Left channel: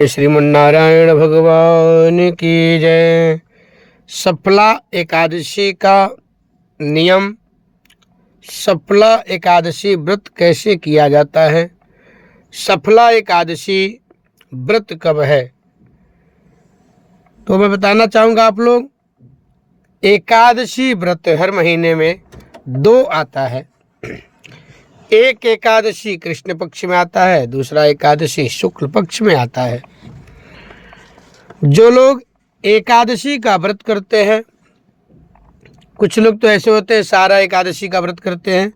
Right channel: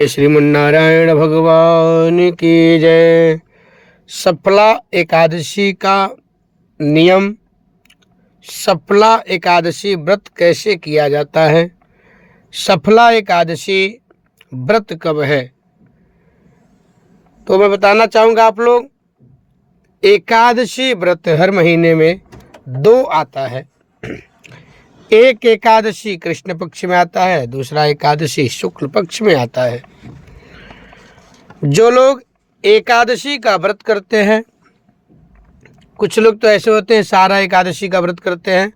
श्रीमन्नारायण भगवान की जय। सफला एकादशी का नियम। सफला एकादशी व्रत कैसे किया जाता है? सफला एकादशी व्रत कब है? तो मैं बताना चाहूँगा आप लोग, एकादशी व्रत हर महीने में 2 आता है। एक एकादशी कृष्ण पक्ष में आता है, दूसरा एकादशी शुक्ल पक्ष में आता है। जो लोग एकादशी का व्रत करते हैं, कुछ लोग तो ऐसे होते हैं सारा एकादशी का व्रत करते हैं,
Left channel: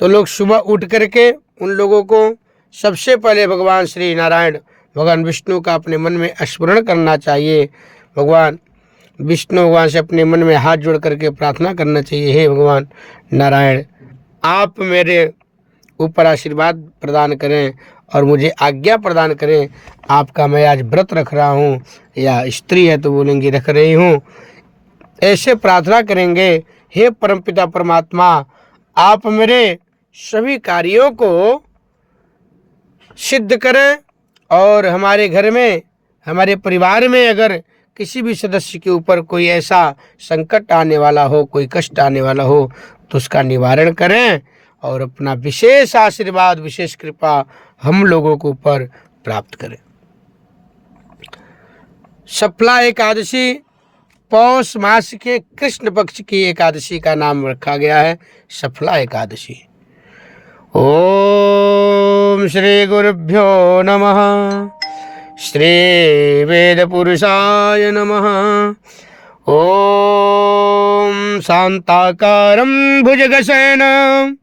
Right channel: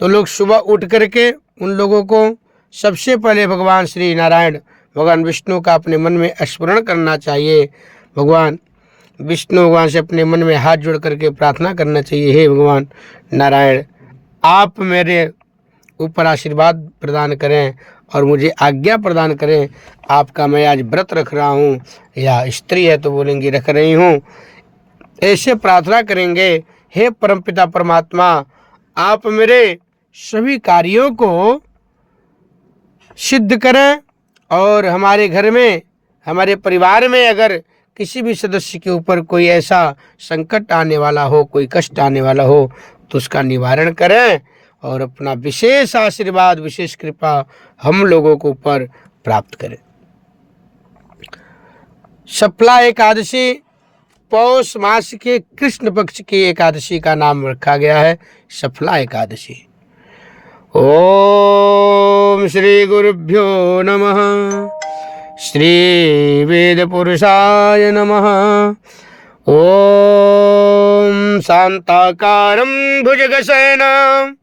तो लोग सुबह उठ करके उन लोगों को सबसे पहले भगवान श्री नारायण भगवान विष्णु का अपने मन में स्मरण करना चाहिए। भगवान विष्णु भगवान से अपने मन में हाथ जोड़ करके प्रार्थना करना चाहिए, हे भगवान नारायण, आप मेरे ऊपर आशीर्वाद प्रदान करें और मुझे आज्ञा प्रदान करें। आपका मैं आज व्रत रख रहा हूँ, या स्त्री है तो बोलेंगे रख रही हूँ। ऐसे प्रार्थना करेंगे, हे परमपिता परमात्मा, आप मेरे सभी कार्यों को सिद्ध करें और हमारे घर में, हमारे परिवार में अगर किसी भी सदस्य के ऊपर कोई ऐसा संकट आने वाला हो, कोई कष्ट आने वाला हो, तो उसका निवारण करें और अपना विशेष आशीर्वाद, विशेष कृपा हम लोगों को ऊपर प्राप्त करें। सफला एकादशी पौष मास के कृष्ण पक्ष की एकादशी का नाम रखा गया है सफला एकादशी। ओम श्री गुरुभ्यो नमः। श्री वेद पुरुषाय नमः। ओम शांताकारं भुजगशयनं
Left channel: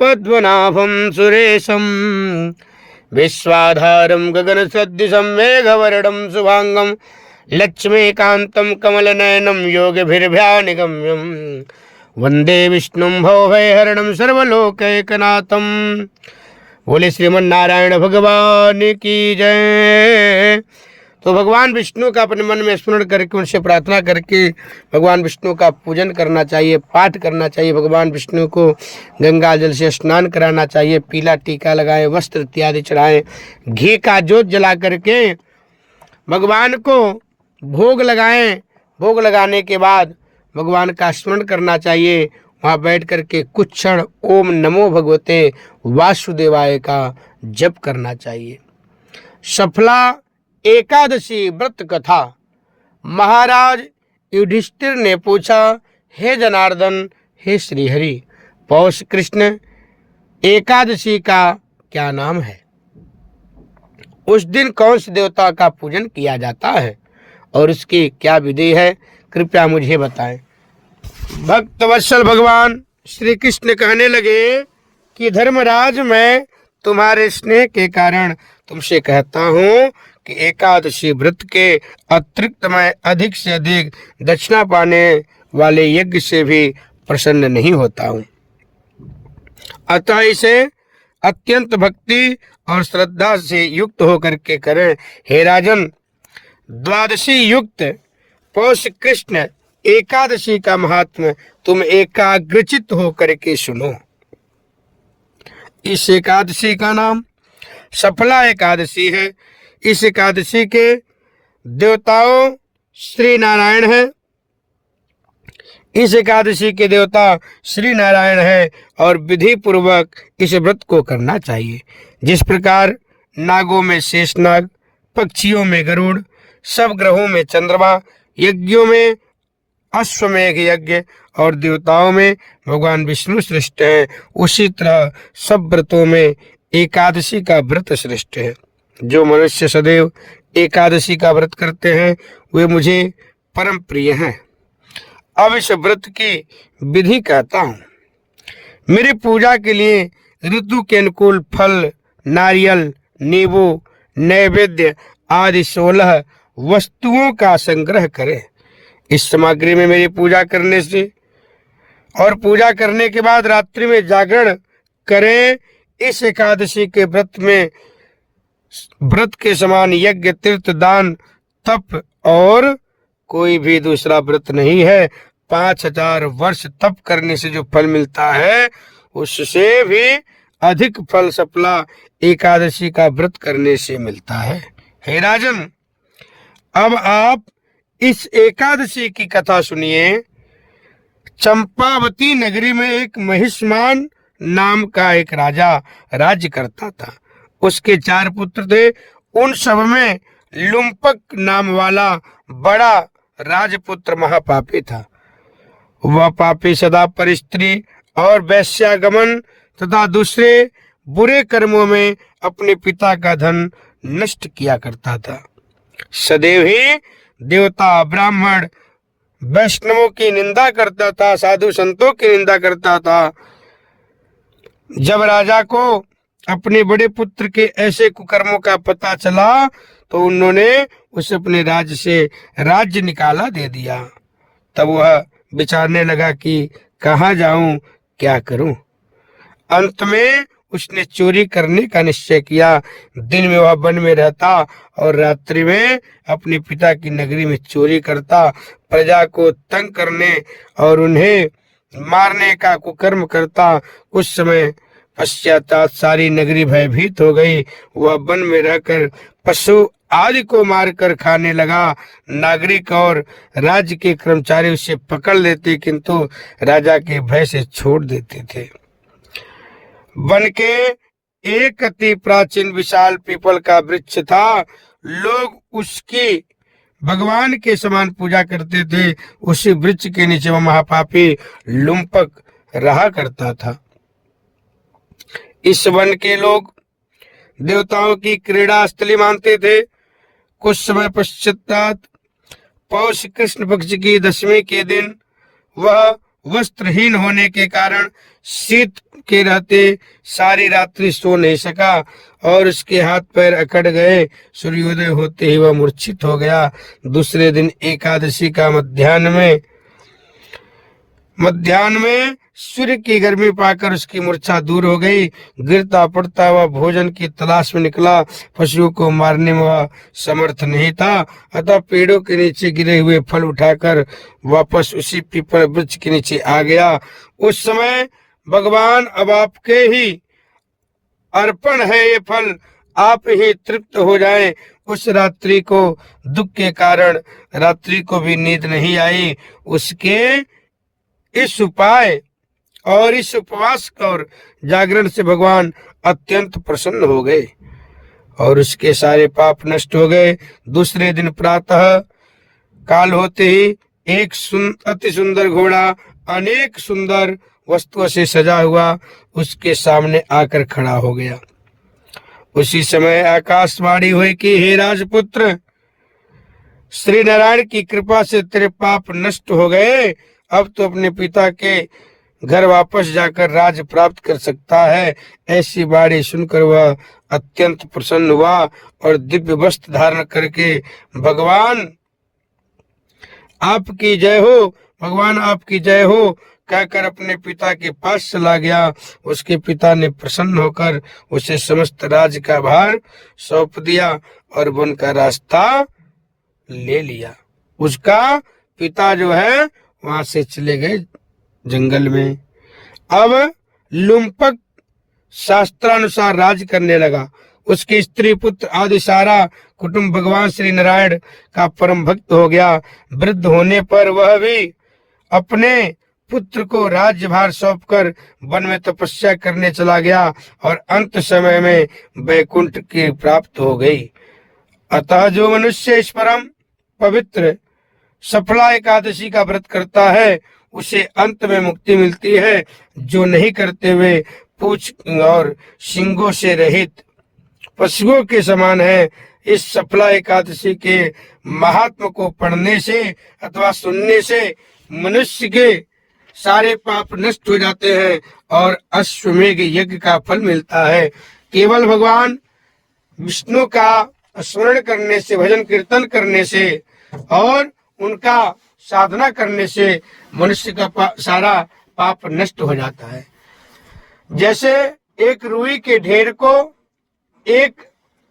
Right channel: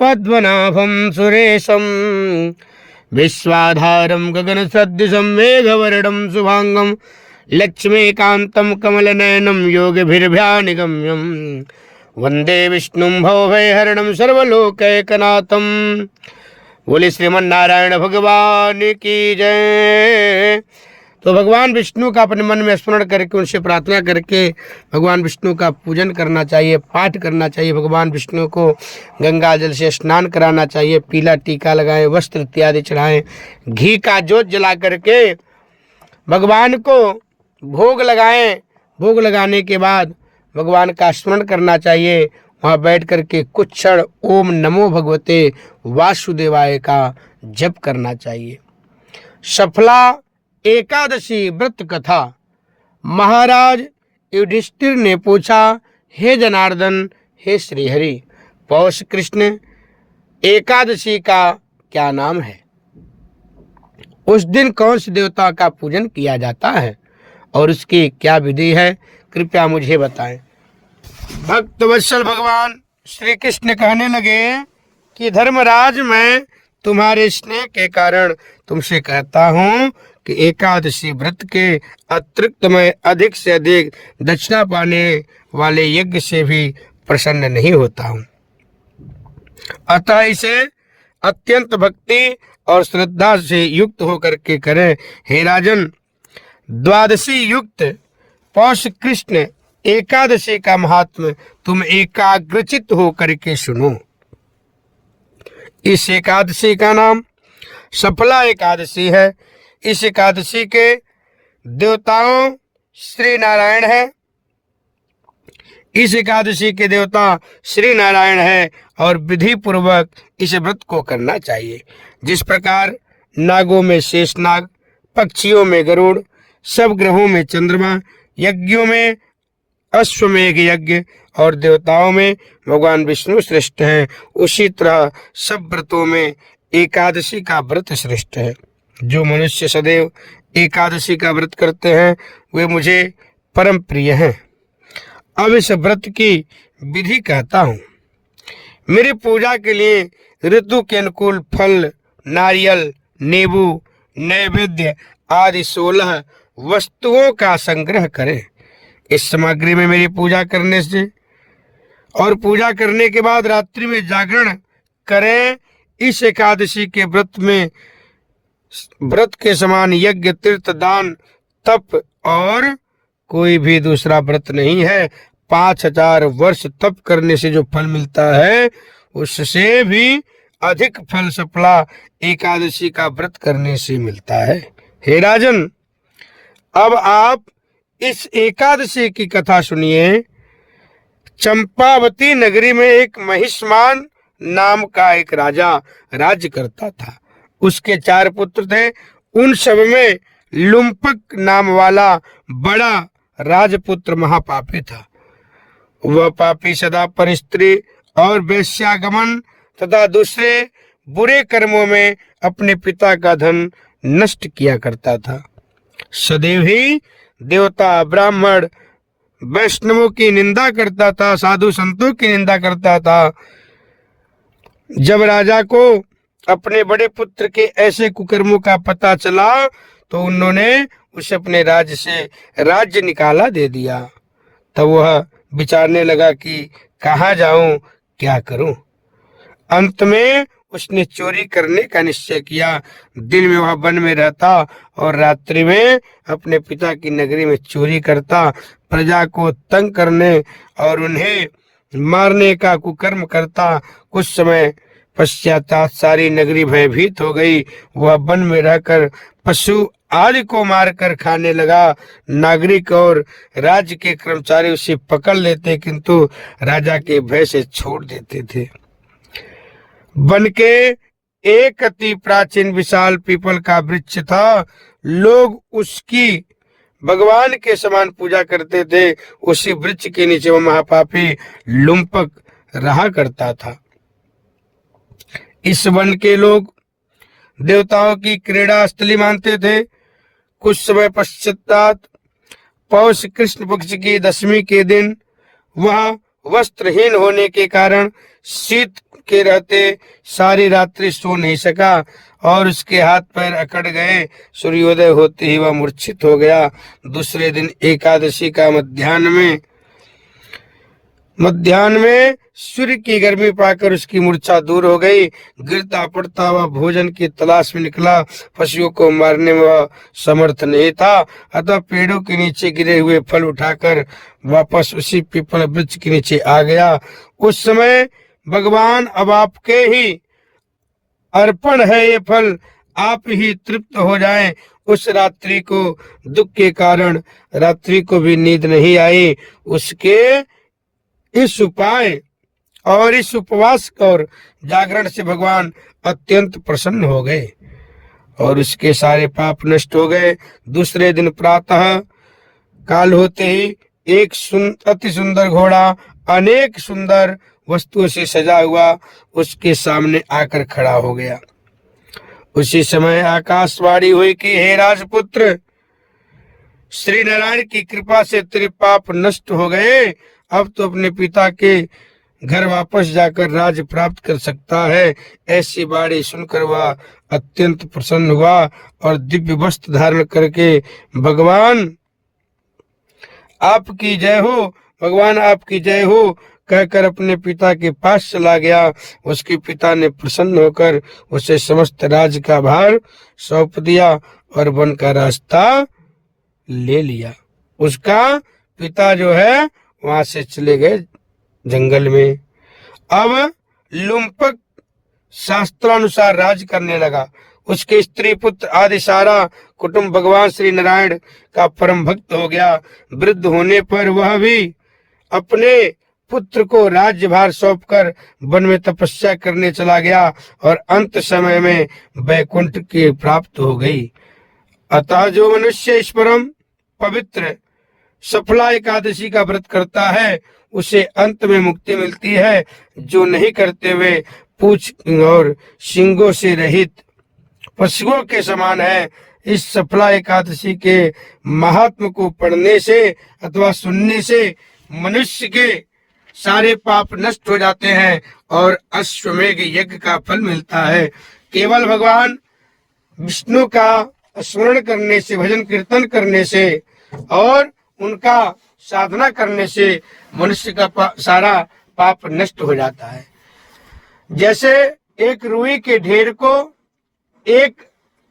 पद्मनाभं सुरेशं विश्वाधारं गगनसदृशं मेघवर्णं शुभांगं लक्ष्मीकान्तं कमलनयनं योगिभिर्ध्यानगम्यं वंदे विष्णुं भवभयहरणं सर्वलोकैकनाथं। बोले श्रीमन्नारायण भगवान की जय। तो भगवान विष्णु का अपने मन में स्मरण करके उनसे प्रार्थना करके भगवान विष्णु का पूजन करना चाहिए, पाठ करना चाहिए। भगवान विष्णु को गंगा जल से स्नान कराना चाहिए, पीला टीका लगाएं, वस्त्र इत्यादि चढ़ाएं, घी का जोत जला करके भगवान को भोग लगाएं। भोग लगाने के बाद भगवान का स्मरण करना चाहिए। वहाँ बैठ करके कुछ क्षण ओम नमो भगवते वासुदेवाय का जप करना चाहिए। सफला एकादशी व्रत कथा। महाराज युधिष्ठिर ने पूछा, हे जनार्दन, हे श्रीहरि, पौष कृष्ण एकादशी का क्या नाम है? उस दिन कौन से देवता का पूजन किया जाता है और उसकी क्या विधि है? कृपया मुझे बताएं। भक्त वत्सल भगवान श्री कृष्ण कहने लगे कि धर्मराज, मैं तुम्हारे स्नेह के कारण तुमसे कहता हूँ कि एकादशी व्रत के अतिरिक्त मैं अधिक से अधिक दक्षिणा पाने वाले यज्ञ से भी प्रसन्न नहीं होता हूँ। अतः इसे अत्यंत भक्ति और श्रद्धा से युक्त होकर के करें। हे राजन, द्वादशी युक्त पौष कृष्ण एकादशी का महात्म्य तुम एकाग्रचित होकर के सुनो। इस एकादशी का नाम सफला एकादशी है। इस एकादशी के देवताओं श्री नारायण है। इस एकादशी के देवता श्री नारायण है और विधि पूर्वक इस व्रत को करना चाहिए। जिस प्रकार नागों में शेषनाग, पक्षियों में गरुड़, सब ग्रहों में चंद्रमा, यज्ञों में अश्वमेघ यज्ञ और देवताओं में भगवान विष्णु श्रेष्ठ हैं, उसी तरह सब व्रतों में एकादशी का व्रत श्रेष्ठ है। जो मनुष्य सदैव एकादशी का व्रत करते हैं वे मुझे परम प्रिय हैं। अब इस व्रत की विधि कहता हूँ। मेरी पूजा के लिए ऋतु के अनुकूल फल, नारियल, नींबू, नैवेद्य आदि 16 वस्तुओं का संग्रह करें। इस सामग्री में मेरी पूजा करने से और पूजा करने के बाद रात्रि में जागरण करें। इस एकादशी के व्रत में व्रत के समान यज्ञ, तीर्थ, दान, तप और कोई भी दूसरा व्रत नहीं है। 5000 वर्ष तप करने से जो फल मिलता है उससे भी अधिक फल सफला एकादशी का व्रत करने से मिलता है। हे राजन, अब आप इस एकादशी की कथा सुनिए। चंपावती नगरी में एक महिष्मान नाम का एक राजा राज्य करता था। उसके 4 पुत्र थे। उन सब में लुम्पक नाम वाला बड़ा राजपुत्र महापापी था। वह पापी सदा परस्त्री और वैश्यागमन तथा दूसरे बुरे कर्मों में अपने पिता का धन नष्ट किया करता था। सदैव ही देवता, ब्राह्मण, वैष्णवों की निंदा करता था, साधु संतों की निंदा करता था। जब राजा को अपने बड़े पुत्र के ऐसे कुकर्मों का पता चला तो उन्होंने उसे अपने राज्य से राज्य निकाला दे दिया। तब वह विचारने लगा कि कहाँ जाऊं, क्या करूं। अंत में उसने चोरी करने का निश्चय किया। दिन में वह वन में रहता और रात्रि में अपने पिता की नगरी में चोरी करता, प्रजा को तंग करने और उन्हें मारने का कुकर्म करता। कुछ समय पश्चात सारी नगरी भयभीत हो गई। वह वन में रहकर पशु आदि को मारकर खाने लगा। नागरिक और राज्य के कर्मचारी उसे पकड़ लेते, किंतु राजा के भय से छोड़ देते थे। वन के एक अति प्राचीन विशाल पीपल का वृक्ष था। लोग उसकी भगवान के समान पूजा करते थे। उसी वृक्ष के नीचे वह महापापी लुम्पक रहा करता था। इस वन के लोग देवताओं की क्रीड़ा स्थली मानते थे। कुछ समय पश्चात पौष कृष्ण पक्ष की 10वीं के दिन वह वस्त्रहीन होने के कारण शीत के रहते सारी रात्रि सो नहीं सका और उसके हाथ पैर अकड़ गए। सूर्योदय होते ही वह मूर्छित हो गया। दूसरे दिन एकादशी का मध्याह्न में सूर्य की गर्मी पाकर उसकी मूर्छा दूर हो गई। गिरता पड़ता वह भोजन की तलाश में निकला। पशुओं को मारने में वह समर्थ नहीं था, अतः पेड़ों के नीचे गिरे हुए फल उठाकर वापस उसी पीपल वृक्ष के नीचे आ गया। उस समय भगवान, अब आपके ही अर्पण है ये फल, आप ही तृप्त हो जाएं। उस रात्रि को दुख के कारण रात्रि को भी नींद नहीं आई। उसके इस उपाय और इस उपवास और जागरण से भगवान अत्यंत प्रसन्न हो गए और उसके सारे पाप नष्ट हो गए। दूसरे दिन प्रातः काल होते ही एक अति सुंदर घोड़ा अनेक सुंदर वस्तुओं से सजा हुआ उसके सामने आकर खड़ा हो गया। उसी समय आकाशवाणी हुई कि हे राजपुत्र, श्री नारायण की कृपा से तेरे पाप नष्ट हो गए। अब तो अपने पिता के घर वापस जाकर राज प्राप्त कर सकता है। ऐसी बाणी सुनकर वह अत्यंत प्रसन्न हुआ और दिव्य वस्त्र धारण करके भगवान आपकी जय हो, भगवान आपकी जय हो कहकर अपने पिता के पास चला गया। उसके पिता ने प्रसन्न होकर उसे समस्त राज का भार सौंप दिया और वन का रास्ता ले लिया। उसका पिता जो है वहां से चले गए जंगल में। अब लुम्पक शास्त्रानुसार राज करने लगा। उसके स्त्री पुत्र आदि सारा कुटुंब भगवान श्री नारायण का परम भक्त हो गया। वृद्ध होने पर वह भी अपने पुत्र को राज्यभार सौंपकर वन में तपस्या करने चला गया और अंत समय में वैकुंठ की प्राप्त हो गई। अतः जो मनुष्य इस परम पवित्र सफला एकादशी का व्रत करता है उसे अंत में मुक्ति मिलती है। जो नहीं करते हुए पूंछ और सींगों से रहित पशुओं के समान है। इस सफला एकादशी के महात्म को पढ़ने से अथवा सुनने से मनुष्य के सारे पाप नष्ट हो जाते हैं और अश्वमेघ यज्ञ का फल मिलता है। केवल भगवान विष्णु का स्मरण करने से, भजन कीर्तन करने से और उनका साधना करने से मनुष्य का सारा पाप नष्ट हो जाता है। जैसे एक रुई के ढेर को एक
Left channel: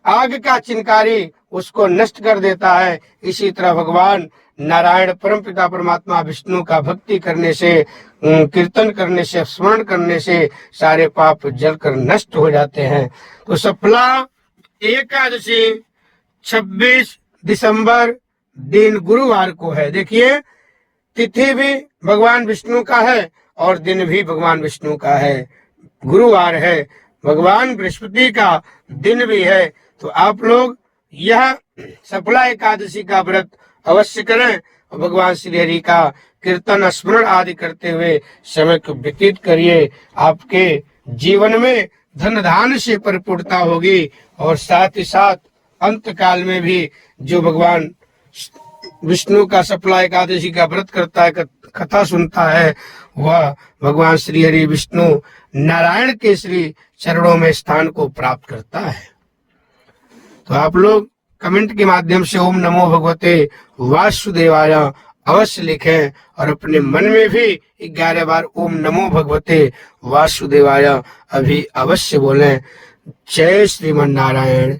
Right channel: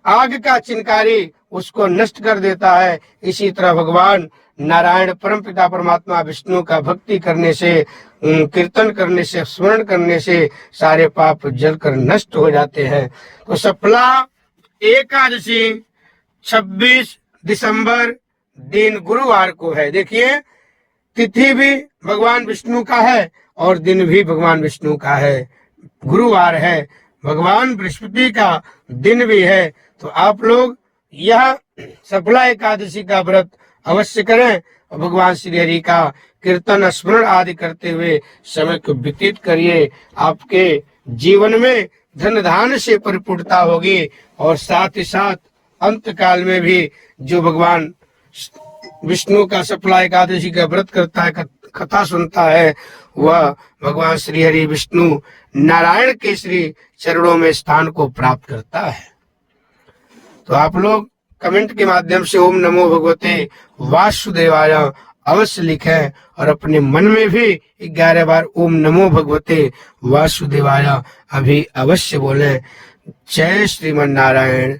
आग का चिनकारी उसको नष्ट कर देता है, इसी तरह भगवान नारायण परमपिता परमात्मा विष्णु का भक्ति करने से, कीर्तन करने से, स्मरण करने से सारे पाप जलकर नष्ट हो जाते हैं। तो सफला एकादशी 26 दिसंबर दिन गुरुवार को है। देखिए, तिथि भी भगवान विष्णु का है और दिन भी भगवान विष्णु का है। गुरुवार है, भगवान बृहस्पति का दिन भी है। तो आप लोग यह सफला एकादशी का व्रत अवश्य करें और भगवान श्री हरि का कीर्तन स्मरण आदि करते हुए समय को व्यतीत करिए। आपके जीवन में धन धान्य से परिपूर्णता होगी और साथ ही साथ अंत काल में भी जो भगवान विष्णु का सफला एकादशी का व्रत करता है, कथा सुनता है, वह भगवान श्री हरि विष्णु नारायण के श्री चरणों में स्थान को प्राप्त करता है। तो आप लोग कमेंट के माध्यम से ओम नमो भगवते वासुदेवाय अवश्य लिखें और अपने मन में भी 11 बार ओम नमो भगवते वासुदेवाय अभी अवश्य बोलें। जय श्रीमन नारायण।